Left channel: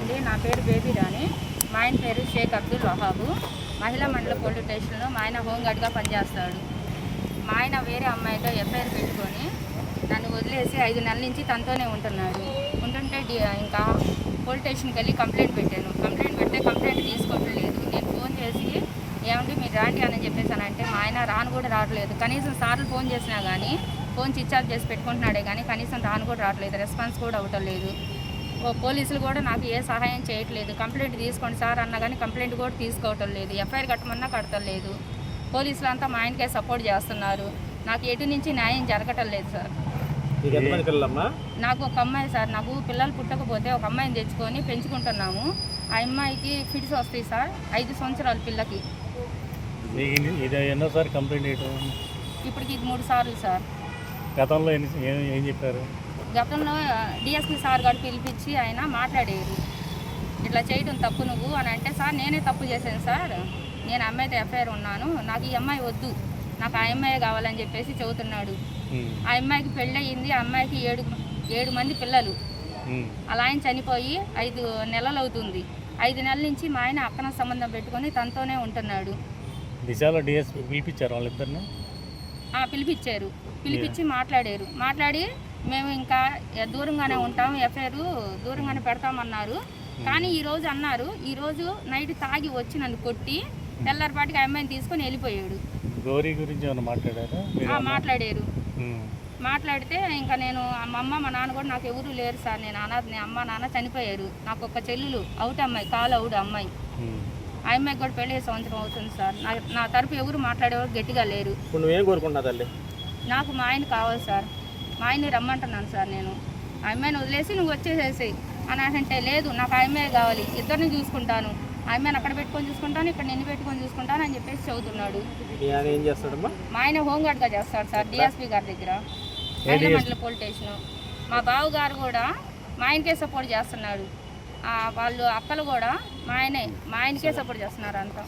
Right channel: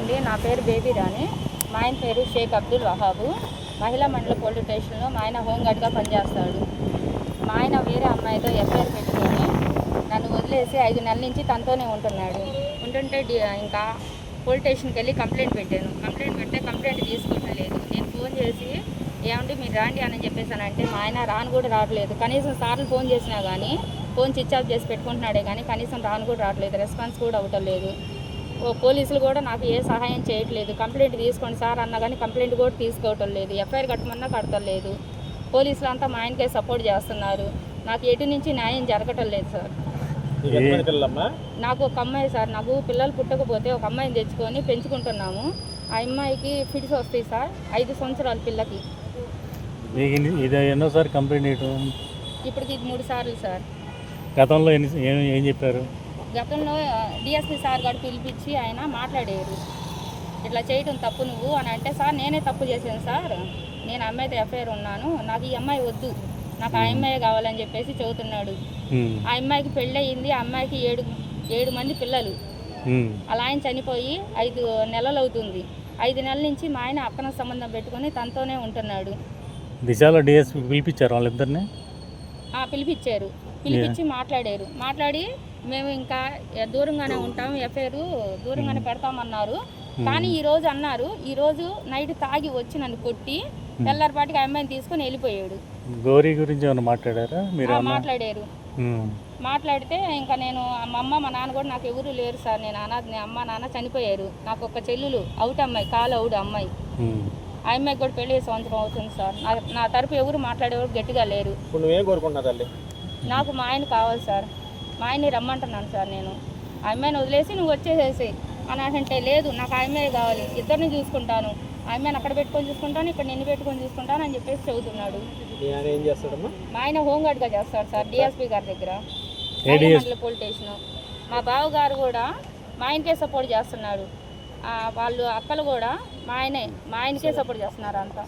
అండి, నా పేరు బేబీ రాణి. మా ఆయన పేరు షేక్ అబ్దుల్ వహాబు. మహిళా మండల పోలీస్ స్టేషన్లో మా ఆయన హోంగార్డ్గా పనిచేస్తాడు. మా ఆయన వేరే అమ్మాయితో ఎఫ్ఐఆర్ పెట్టుకొని నన్ను వదిలేసి 5 నెలల నుంచి తనతోనే ఉంటున్నాడు. ఉంటుంటే ఇంకా పోలీస్ స్టేషన్కి వెళ్ళి కంప్లైంట్ పెట్టాను. కంప్లైంట్ పెడితే కంప్లైంట్ తీసుకోవటం లేదు. నేను ఫోన్ చేసి ఏమంటే మీరు రాండి అని చెప్పేసానంటే మా ఆయన రాను కూడా రావట్లేదు. కనీసం సార్లు ఫోన్ చేసినా కానీ ఫోన్ స్విచ్ ఆఫ్ చేసి పెట్టుకుంటున్నాడే కానీ కనీసం రాను కూడా రావట్లేదు. రెస్పాన్స్ కూడా అవ్వటం లేదు. పోలీసులు కూడా నాకు ఏ సహాయం చేయట్లేదు. కంప్లైంట్ తీసుకోండి సార్ అన్నా కానీ కంప్లైంట్ కూడా తీసుకోవటం లేదు. ఎఫ్ఐఆర్ కట్టమన్నా కడతలేదు. పోలీసులు అంతా మా ఆయనకే సపోర్ట్ చేస్తున్నారు. నాకు ఎటు నుంచి న్యాయం జరగటం లేదు సార్. నాకు ఒక అమ్మాయి సార్, నాకు పిల్లలు పుట్టకపోతే ఒక అమ్మాయిని తెచ్చుకొని పెంచుకుంటున్నాము. ఆ అమ్మాయికి ఫిట్స్ వస్తాయి సార్. 5 సంవత్సరాల పిల్లకి. ఎన్నోసారి కంప్లైంట్ ఇప్పటికి ఇది 3 సార్లు సార్. గతంలో ఏం చెప్పారు? గతంలో డిఎస్పీ సార్ గారు పిలిపించి ఆయన మాట్లాడారు. ఇట్లా చేయడం తప్పు నువ్వు అని అంటే, సార్ నేనే తప్పు చేశాను సార్, నేను అమ్మాయితో ఎఫ్ఐఆర్ ఉన్నాను, నాకు ఈ అమ్మాయి వద్దు, నాకు ఆ అమ్మాయి కావాలని చెప్పేసి చెబుతున్నాడు. ఆ అమ్మాయికి పెళ్ళి అయ్యింది. ఆ అమ్మాయికి 7 మంది పిల్లలు. అలా ఆయన చనిపోయి 5 నెలలు అవుతుంది. 5 నెలల నుంచి మా ఆయన అక్రమ సంబంధం పెట్టుకొని తనతోనే ఉంటున్నాడు. దిశలో డిఎస్పీ పిలిపించారు వాళ్ళిద్దరిని? పిలిపించారు. పిలిపించి మాట్లాడి మేము ఇంకా దూరంగానే ఉంటాం, ఎఫ్ఐఆర్ దూరంగానే పెడతామన్నారు. కానీ ఈరోజు అన్నారు, ఈరోజు నైట్ తాగి వచ్చి నన్ను కొట్టి తెల్లారిపాటికి ఆ అమ్మాయిని తీసుకొని వెళ్ళిపోయాడు. గౌరీ గురించి ఏమైనా మాట్లాడారా? మాట్లాడారు. మాట్లాడితే ఇంకా నేను మా అమ్మ మా నాన్న కూడా నాకు ఎవరు లేరు సార్, నేను అనాథని, అమ్మ నాన్న చనిపోయారు. నాకు ఒక చెల్లెలు అవుట్ అమ్మాయి, కాలు అవుడు అమ్మాయి. ఆ అమ్మాయికి కూడా పెళ్లి సంవత్సరం అవుతుంది సార్. నా తరపు ఎవరు మాట్లాడేవారు గట్టిగా లేరు. నాకు మా ఆయన కావాలి సార్. మా ఆయన్ని రమ్మంటున్నాను సార్. నేను ఆ అమ్మాయిని వదిలేసి నువ్వు వచ్చేసేసి అని అంటే, లేదు నాకు ఆ అమ్మాయి కావాలి, ఇద్దరిని చూసుకుంటాను, ఆ అమ్మాయిని అక్కడ పెట్టుకొని చూసుకుంటాను, ఇక్కడ నిన్ను పెట్టుకొని చూసుకుంటాను అని చెప్పేసి చెబుతున్నాడు. మా ఆయన హోంగార్డ్గా చేస్తాడు సార్, డిఎస్పీ గారి దగ్గర, మహిళా మండల పోలీస్ స్టేషన్. మా బావ గారు కూడా మా ఆయనకే సపోర్ట్ చేస్తున్నాడు. వాళ్ళు అక్కలు కూడా మా ఆయనకే సపోర్ట్ చేస్తున్నారు అంతా.